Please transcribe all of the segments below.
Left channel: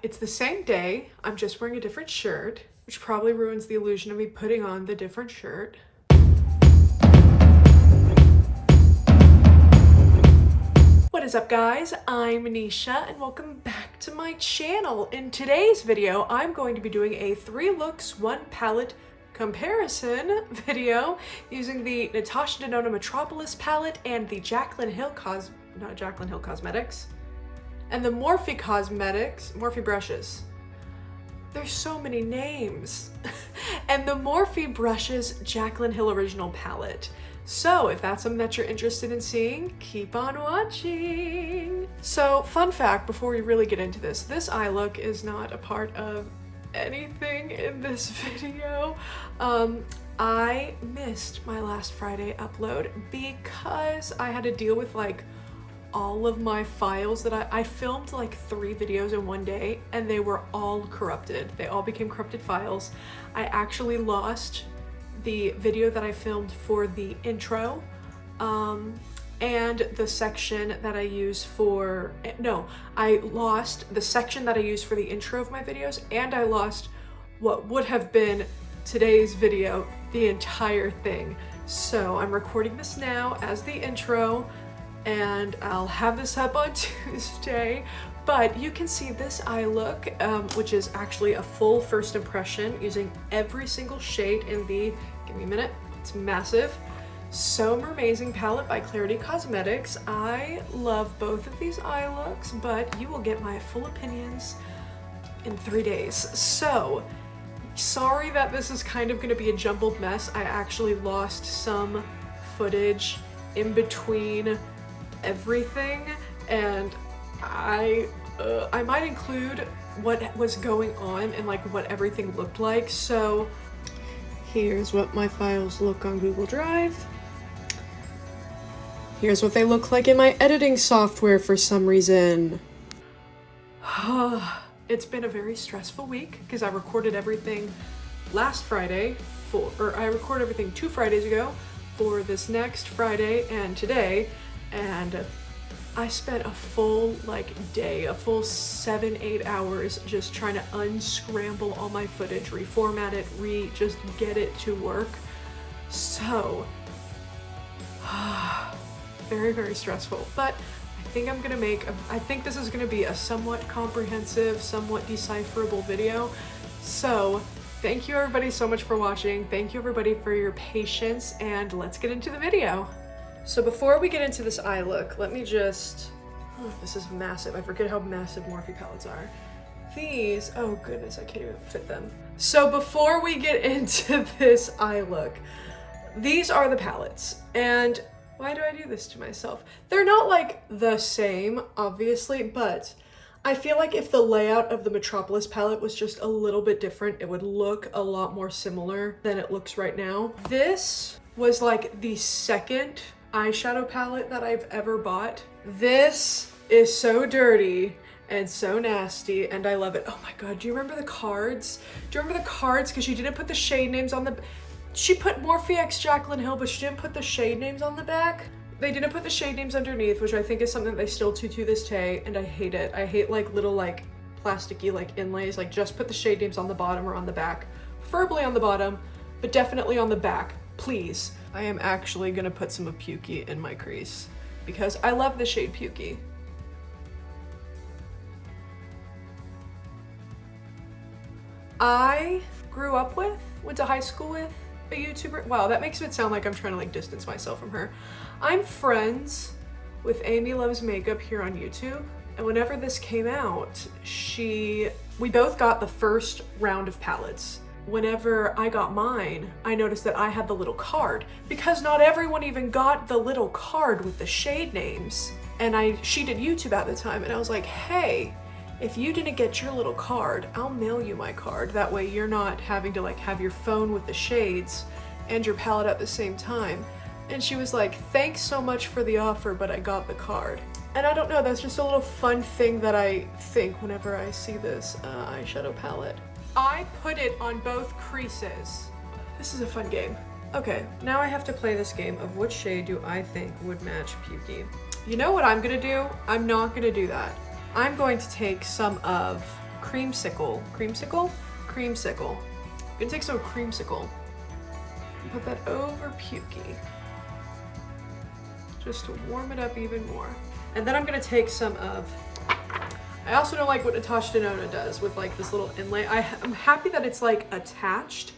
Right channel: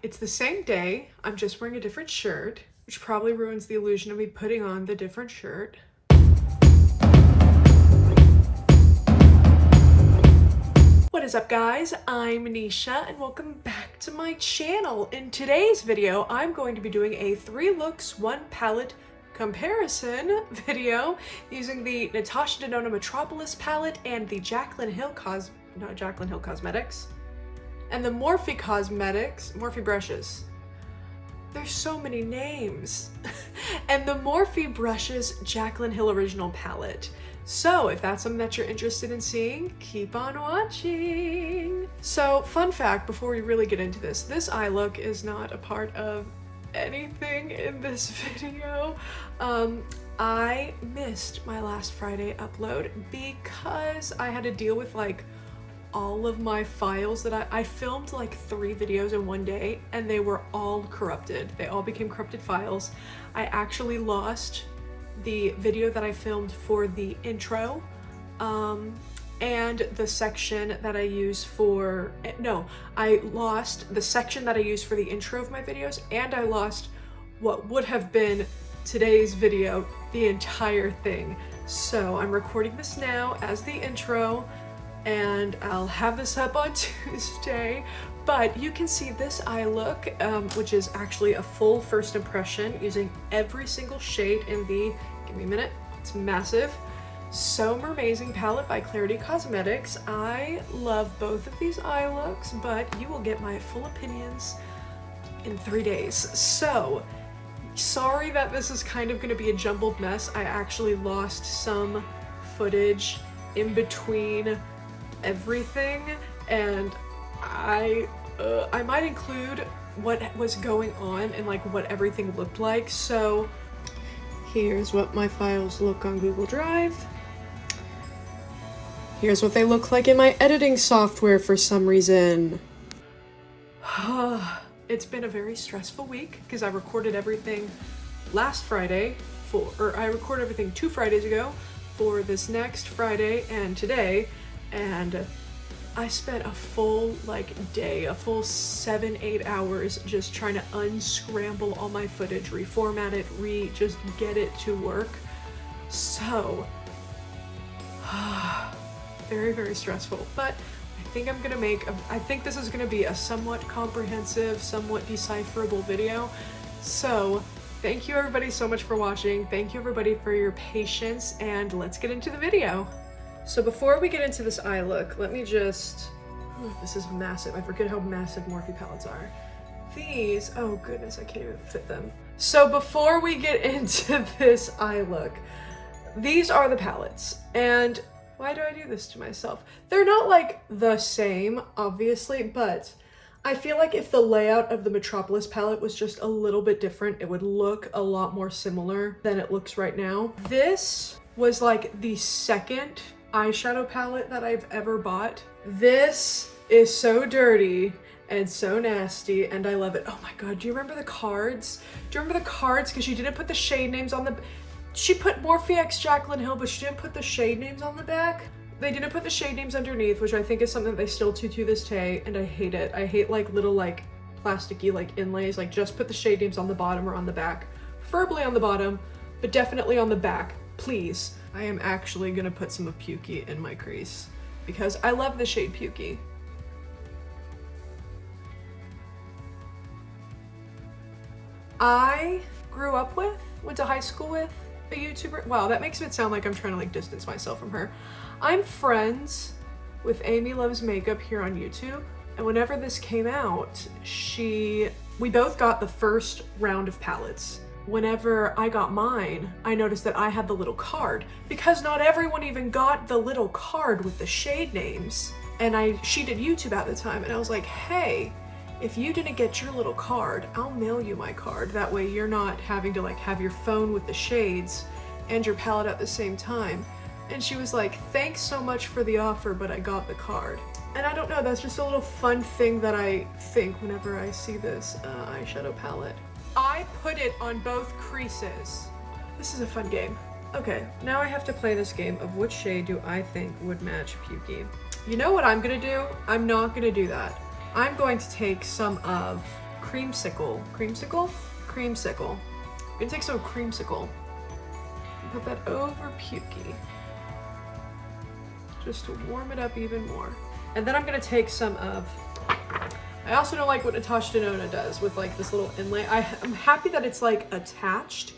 It's the same day, I'm just wearing a different shirt, which probably ruins the illusion of me putting on the different shirt. What is up, guys? I'm kneeshuuh and welcome back to my channel. In today's video, I'm going to be doing a 3 looks, 1 palette comparison video using the Natasha Denona Metropolis palette and the Jaclyn Hill Cosmetics and the Morphe brushes. There's so many names. And the Morphe brushes Jaclyn Hill original palette. So if that's something that you're interested in seeing, keep on watching. So fun fact before we really get into this eye look is not a part of anything in this video. I missed my last Friday upload because I had to deal with like all of my files that I filmed like 3 videos in one day and they were all corrupted. They all became corrupted files. I actually lost the video that I filmed for the intro and the section that I use for, no, I lost the section that I use for the intro of my videos, and I lost what would have been today's video, the entire thing. So I'm recording this now as the intro and I'll have this up on Tuesday, but you can see this eye look, which is actually a full first impression using every single shade in the, give me a minute, it's massive, So Mermazing palette by Clarity Cosmetics. I love both of these eye looks, but you will get my full opinions in 3 days. So sorry that this is kind of going to be a jumbled mess. I actually lost some footage in between everything, and I might include what was going on and like what everything looked like. So here's what my files look on Google Drive. Here's what they look like in my editing software for some reason. It's been a very stressful week because I recorded everything last Friday I recorded everything 2 Fridays ago for this next Friday and today, and I spent a full day, a full 7-8 hours just trying to unscramble all my footage, reformat it, just get it to work. So very, very stressful, but I think this is gonna be a somewhat comprehensive, somewhat decipherable video. So thank you everybody so much for watching. Thank you everybody for your patience, and let's get into the video. So before we get into this eye look, let me just, this is massive. I forget how massive Morphe palettes are. These, oh goodness, I can't even fit them. So before we get into this eye look, these are the palettes, and why do I do this to myself? They're not like the same, obviously, but I feel like if the layout of the Metropolis palette was just a little bit different, it would look a lot more similar than it looks right now. This was like the second eyeshadow palette that I've ever bought. This is so dirty and so nasty, and I love it. Oh my god, do you remember the cards? Do you remember the cards? Because she didn't put the shade names on the... She put Morphe x Jaclyn Hill, but she didn't put the shade names on the back. They didn't put the shade names underneath, which I think is something that they still do to this day, and I hate it. I hate like little like plasticky like inlays. Like just put the shade names on the bottom or on the back. Preferably on the bottom, but definitely on the back, please. I am actually gonna put some of Pukey in my crease because I love the shade Pukey. I grew up with, went to high school with a YouTuber. Wow, that makes it sound like I'm trying to like distance myself from her. I'm friends with Amy Loves Makeup here on YouTube, and whenever this came out, we both got the first round of palettes. Whenever I got mine, I noticed that I had the little card because not everyone even got the little card with the shade names. And she did YouTube at the time, and I was like, hey, if you didn't get your little card, I'll mail you my card. That way you're not having to like have your phone with the shades and your palette at the same time. And she was like, thanks so much for the offer, but I got the card. And I don't know, that's just a little fun thing that I think whenever I see this eyeshadow palette. I put it on both creases. This is a fun game. Okay, now I have to play this game of which shade do I think would match Pukey. You know what I'm gonna do? I'm not gonna do that. I'm going to take some of creamsicle. Creamsicle? Creamsicle. I'm gonna take some creamsicle and put that over Pukey, just to warm it up even more. And then I'm gonna take some of, I also don't like what Natasha Denona does with like this little inlay. I'm happy that it's like attached.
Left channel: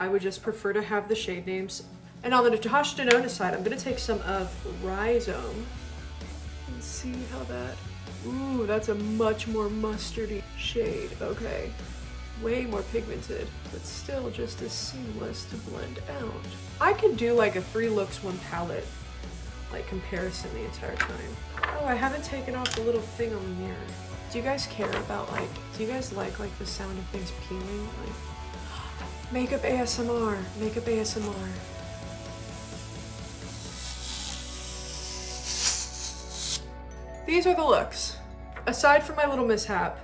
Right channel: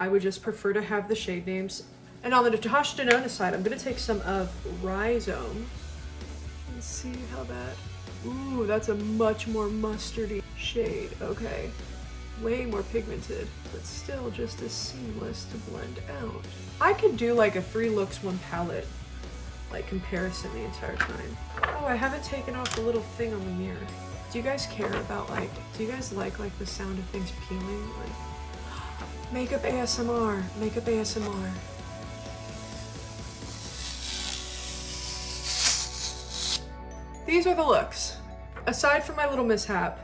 I would just prefer to have the shade names. And on the Natasha Denona side, I'm gonna take some of Rhizome and see how that, ooh, that's a much more mustardy shade. Okay, way more pigmented, but still just as seamless to blend out. I could do like a 3 looks 1 palette like comparison the entire time. Oh, I haven't taken off the little thing on the mirror. Do you guys care about like, do you guys like the sound of things peeling? Like, makeup ASMR, makeup ASMR. These are the looks. Aside from my little mishap,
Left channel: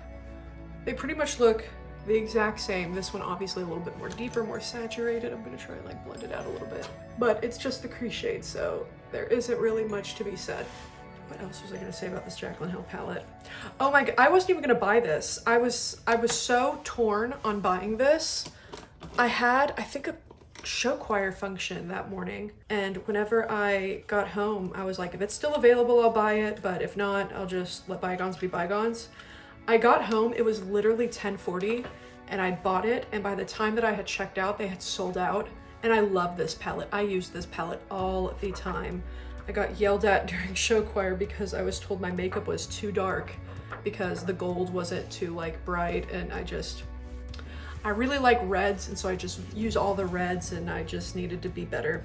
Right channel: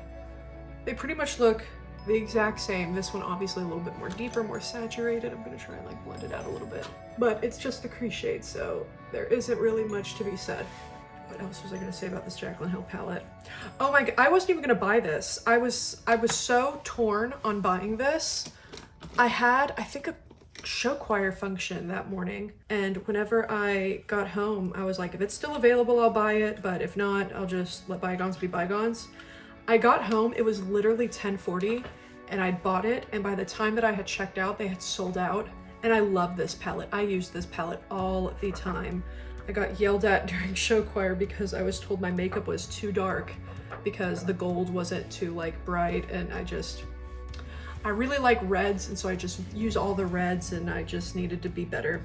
they pretty much look the exact same. This one obviously a little bit more deeper, more saturated. I'm gonna try and like blend it out a little bit. But it's just the crease shade, so there isn't really much to be said. What else was I gonna say about this Jaclyn Hill palette? Oh my god, I wasn't even gonna buy this. I was so torn on buying this. I had, I think, a show choir function that morning, and whenever I got home, I was like, if it's still available, I'll buy it, but if not, I'll just let bygones be bygones. I got home, it was literally 10:40, and I bought it, and by the time that I had checked out, they had sold out. And I love this palette. I use this palette all the time. I got yelled at during show choir because I was told my makeup was too dark because the gold wasn't too like bright, and I really like reds, and so I just use all the reds, and I just needed to be better,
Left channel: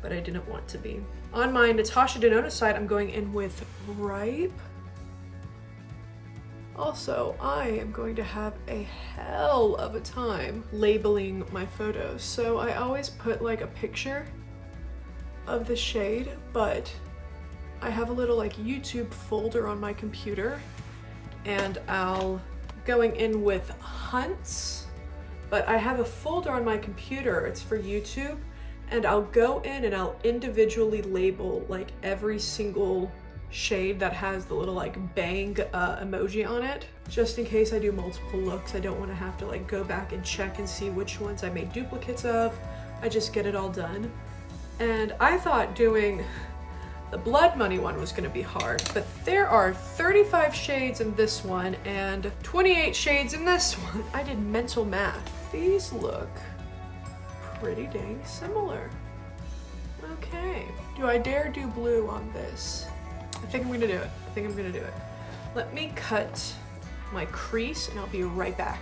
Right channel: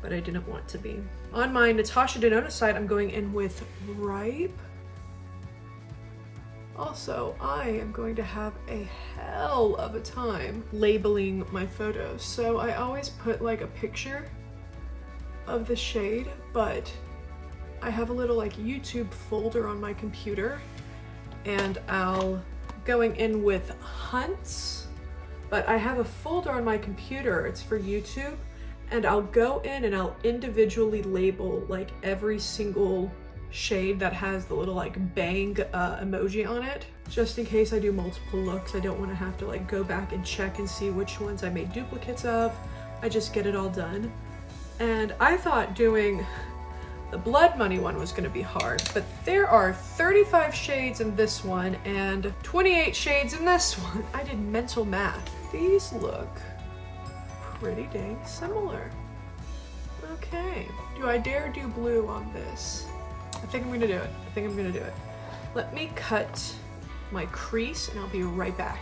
but I didn't want to be. On my Natasha Denona side, I'm going in with Ripe. Also, I am going to have a hell of a time labeling my photos. So I always put like a picture of the shade, but I have a little like YouTube folder on my computer, and I'll going in with Hunts, but I have a folder on my computer, it's for YouTube, and I'll go in and I'll individually label like every single shade that has the little like bang emoji on it, just in case I do multiple looks. I don't want to have to like go back and check and see which ones I made duplicates of. I just get it all done. And I thought doing the Blood Money one was going to be hard, but there are 35 shades in this one and 28 shades in this one. I did mental math. These look pretty dang similar. Okay, do I dare do blue on this? I think I'm gonna do it. I think I'm gonna do it. Let me cut my crease and I'll be right back.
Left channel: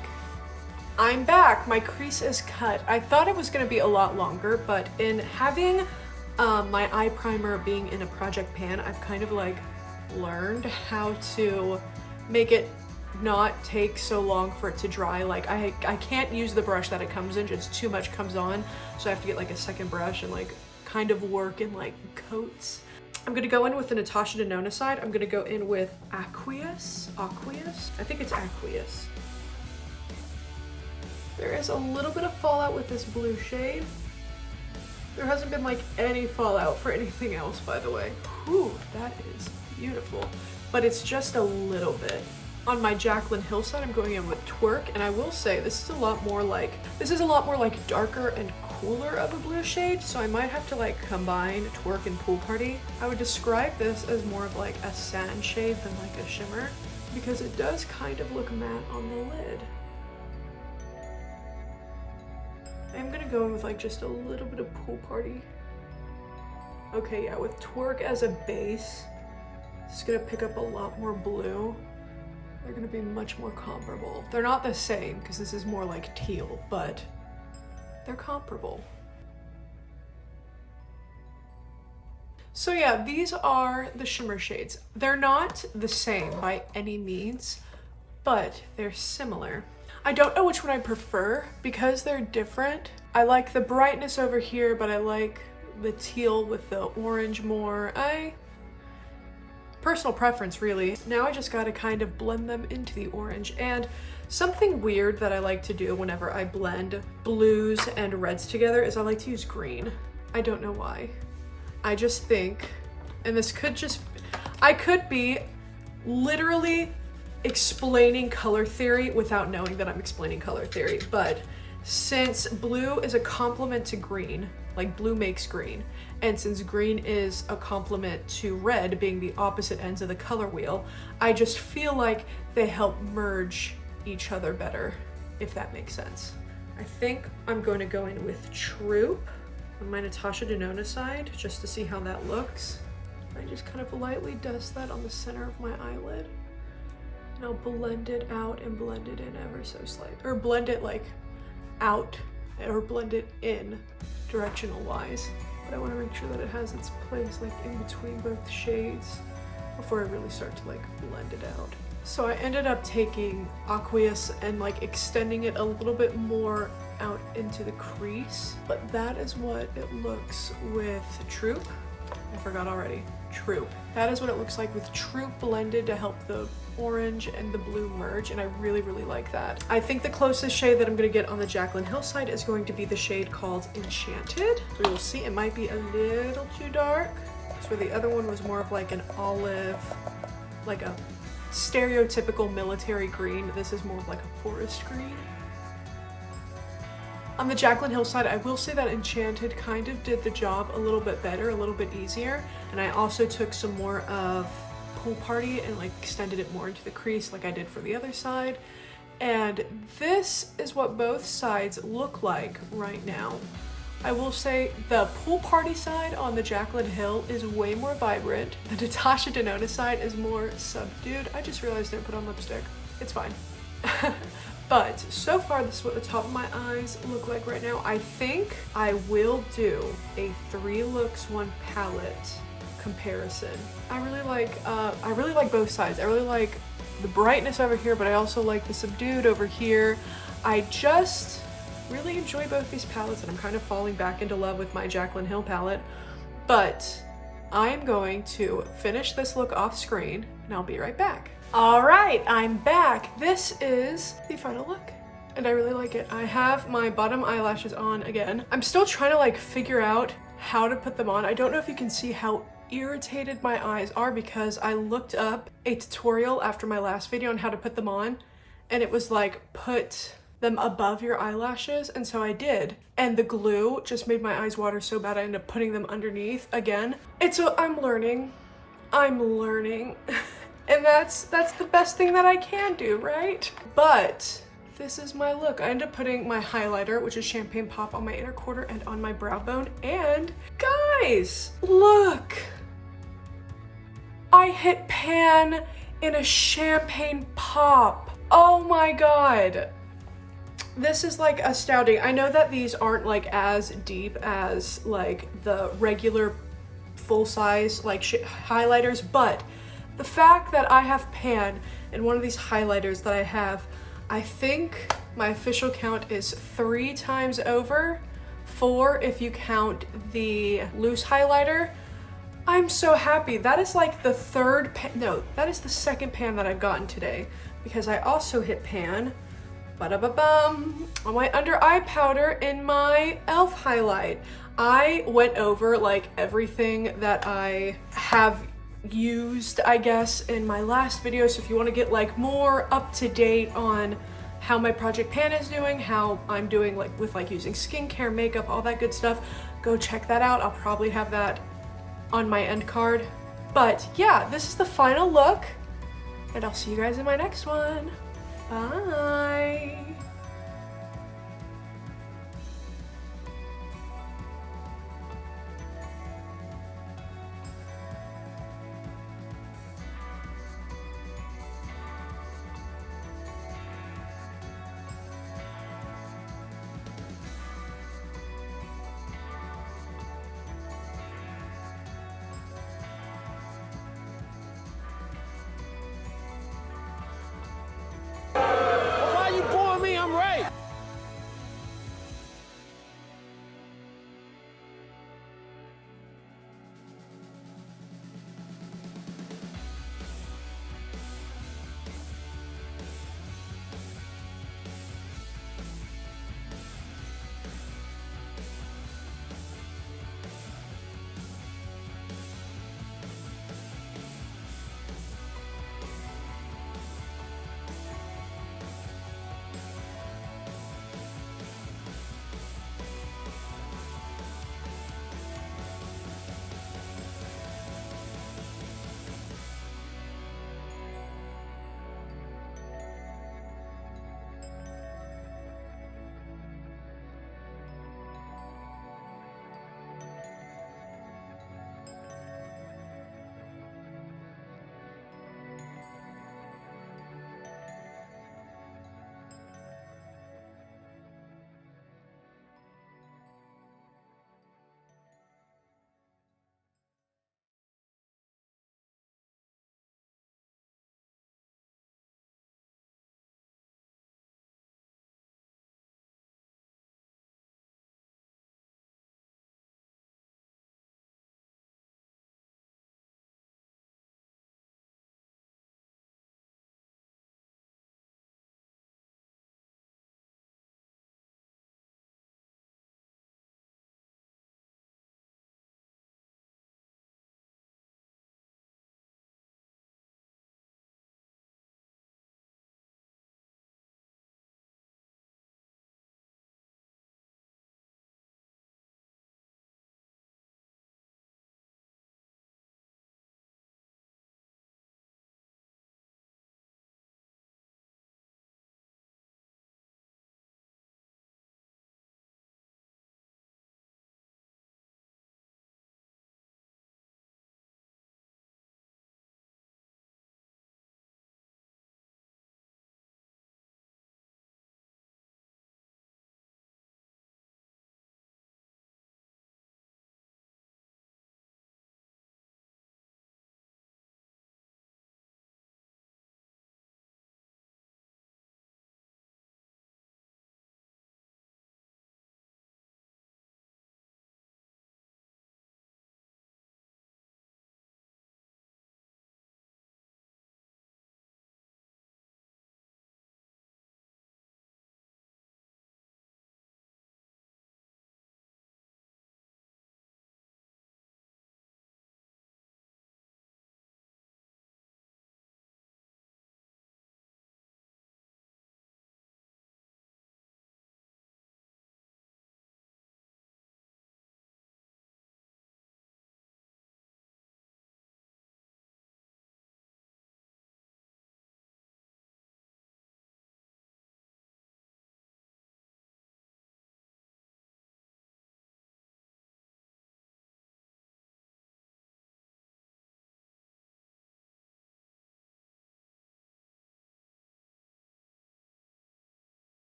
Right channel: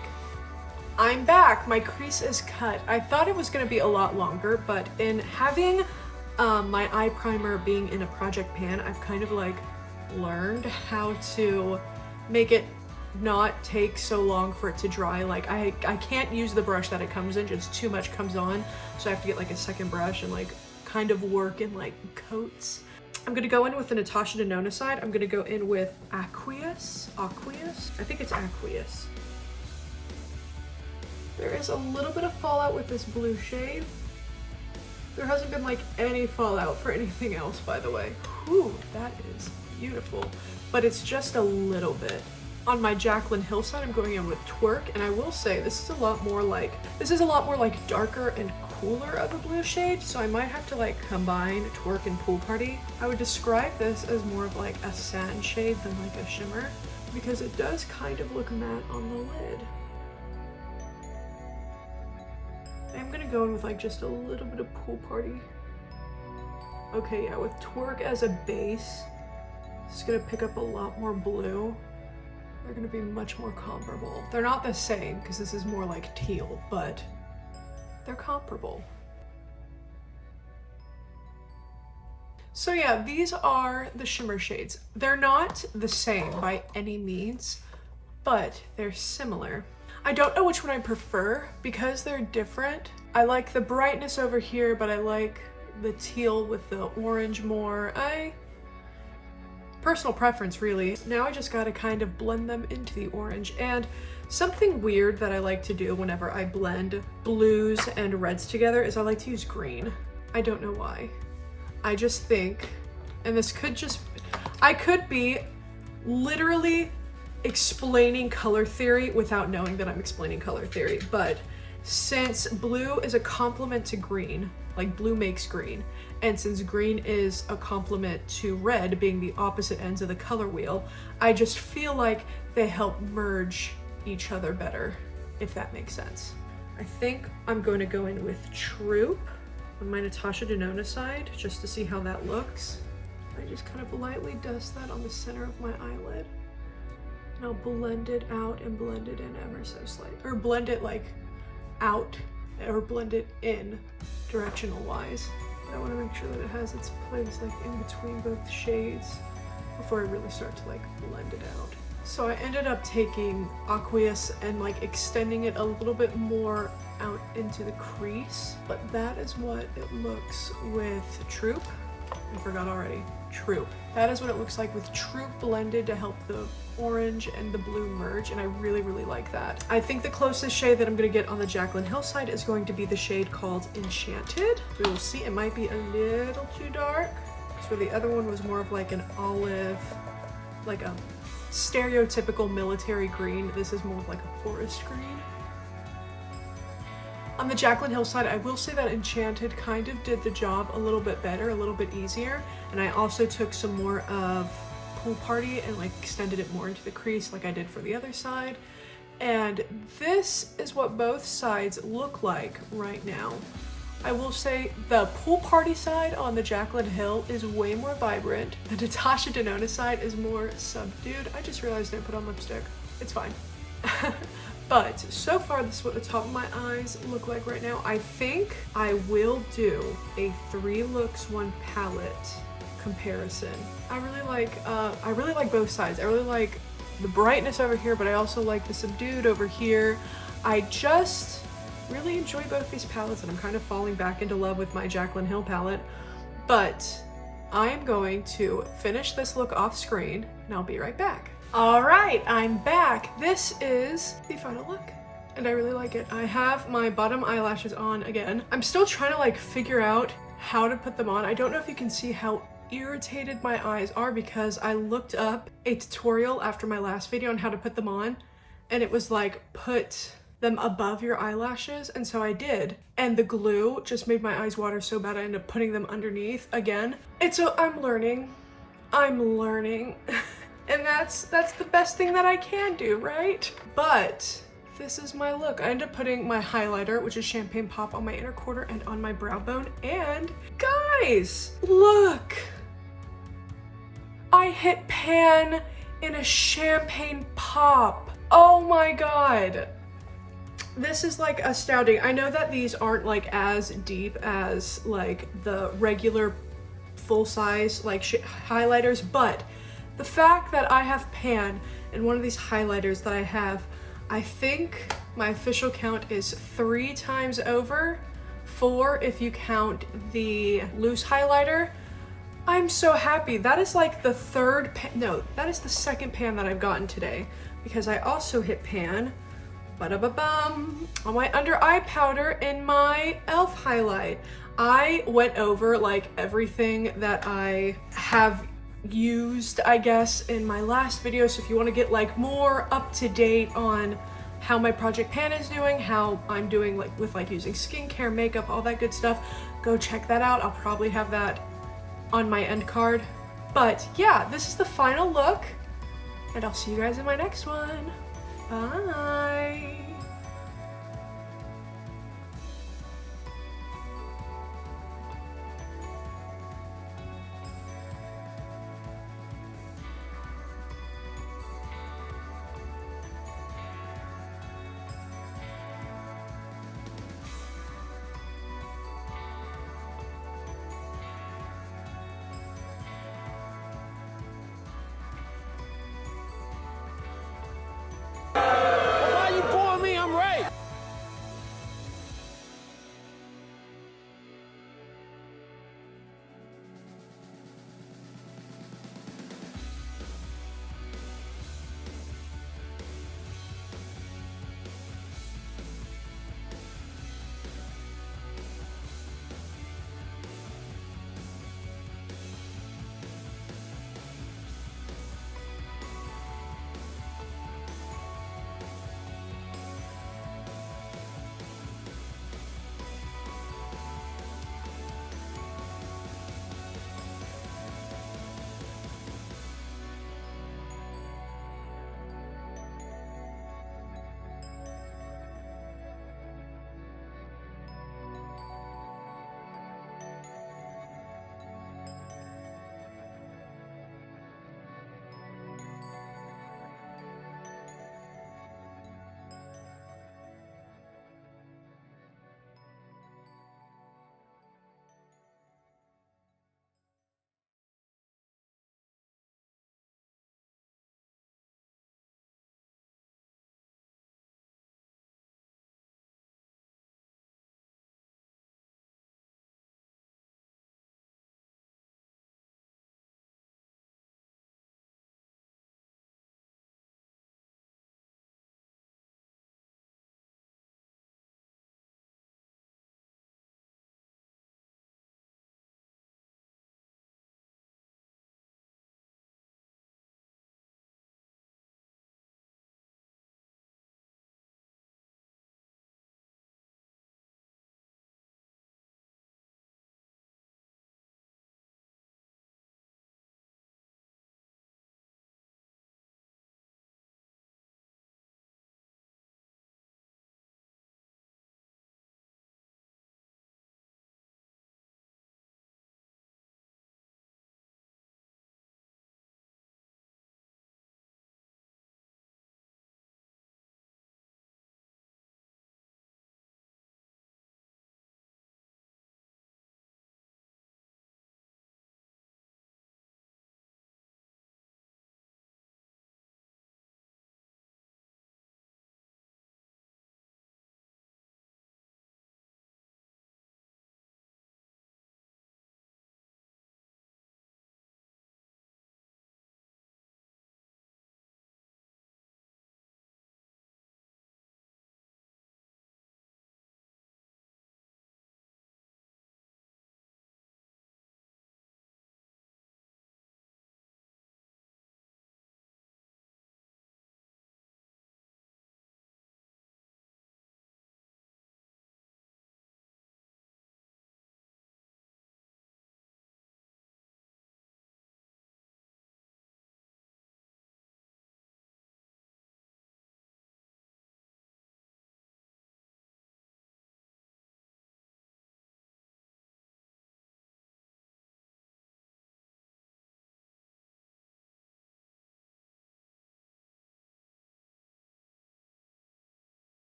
I'm back, my crease is cut. I thought it was gonna be a lot longer, but in having my eye primer being in a project pan, I've kind of like learned how to make it not take so long for it to dry. Like I can't use the brush that it comes in, just too much comes on. So I have to get like a second brush and like kind of work in like coats. I'm gonna go in with the Natasha Denona side. I'm gonna go in with Aqueous. I think it's Aqueous. There is a little bit of fallout with this blue shade. There hasn't been like any fallout for anything else, by the way. Whew, that is beautiful. But it's just a little bit. On my Jaclyn Hill side, I'm going in with Twerk, and I will say this is a lot more like darker and cooler of a blue shade, so I might have to like combine Twerk and Pool Party. I would describe this as more of like a sand shade than like a shimmer, because it does kind of look matte on the lid. I'm gonna go in with like just a little bit of Pool Party. Okay, yeah, with Twerk as a base, it's gonna pick up a lot more blue. They're gonna be much more comparable. They're not the same because this is more like teal, but they're comparable. So yeah, these are the shimmer shades. They're not the same by any means, but they're similar. I don't know which one I prefer because they're different. I like the brightness over here, but I like the teal with the orange more. Personal preference, really. Now I just gotta kind of blend them into the orange. And something weird that I like to do whenever I blend blues and reds together is I like to use green. I don't know why. I just think, and this could just, I could be literally explaining color theory without knowing that I'm explaining color theory, but since blue is a complement to green, like blue makes green, and since green is a complement to red, being the opposite ends of the color wheel, I just feel like they help merge each other better, if that makes sense. I think I'm going to go in with Troop on my Natasha Denona side, just to see how that looks. I just kind of lightly dust that on the center of my eyelid, and I'll blend it out and blend it in ever so slightly, or blend it like out or blend it in directional wise. But I want to make sure that it has its place like in between both shades before I really start to like blend it out. So I ended up taking Aqueous and like extending it a little bit more out into the crease, but that is what it looks with Troop. I forgot already. Troop. That is what it looks like with Troop blended to help the orange and the blue merge, and I really, really like that. I think the closest shade that I'm going to get on the Jaclyn Hill side is going to be the shade called Enchanted. So you'll see it might be a little too dark. So the other one was more of like an olive, like a stereotypical military green. This is more of like a forest green. On the Jaclyn Hill side, I will say that Enchanted kind of did the job a little bit better, a little bit easier. And I also took some more of Pool Party and like extended it more into the crease like I did for the other side. And this is what both sides look like right now. I will say the Pool Party side on the Jaclyn Hill is way more vibrant. The Natasha Denona side is more subdued. I just realized I put on lipstick. It's fine. But so far, this is what the top of my eyes look like right now. I think I will do a 3 looks 1 palette comparison. I really like both sides. I really like the brightness over here, but I also like the subdued over here. I just really enjoy both these palettes, and I'm kind of falling back into love with my Jaclyn Hill palette. But I'm going to finish this look off screen, and I'll be right back. All right, I'm back. This is the final look, and I really like it. I have my bottom eyelashes on again. I'm still trying to like figure out how to put them on. I don't know if you can see how irritated my eyes are because I looked up a tutorial after my last video on how to put them on, and it was like put them above your eyelashes, and so I did, and the glue just made my eyes water so bad I ended up putting them underneath again. I'm learning and that's the best thing that I can do, right? But this is my look. I ended up putting my highlighter, which is Champagne Pop, on my inner quarter and on my brow bone, and guys, look, I hit pan in a Champagne Pop. Oh my god. This is like astounding. I know that these aren't like as deep as like the regular full size like highlighters, but the fact that I have pan in one of these highlighters that I have, I think my official count is 3 times over, 4 if you count the loose highlighter. I'm so happy. That is like the third pan, no, that is the second pan that I've gotten today, because I also hit pan ba-da-ba-bum on my under eye powder in my e.l.f. highlight. I went over like everything that I have used, I guess, in my last video, so if you want to get like more up to date on how my project pan is doing, how I'm doing like with like using skincare, makeup, all that good stuff, go check that out. I'll probably have that on my end card. But yeah, this is the final look, and I'll see you guys in my next one. Bye.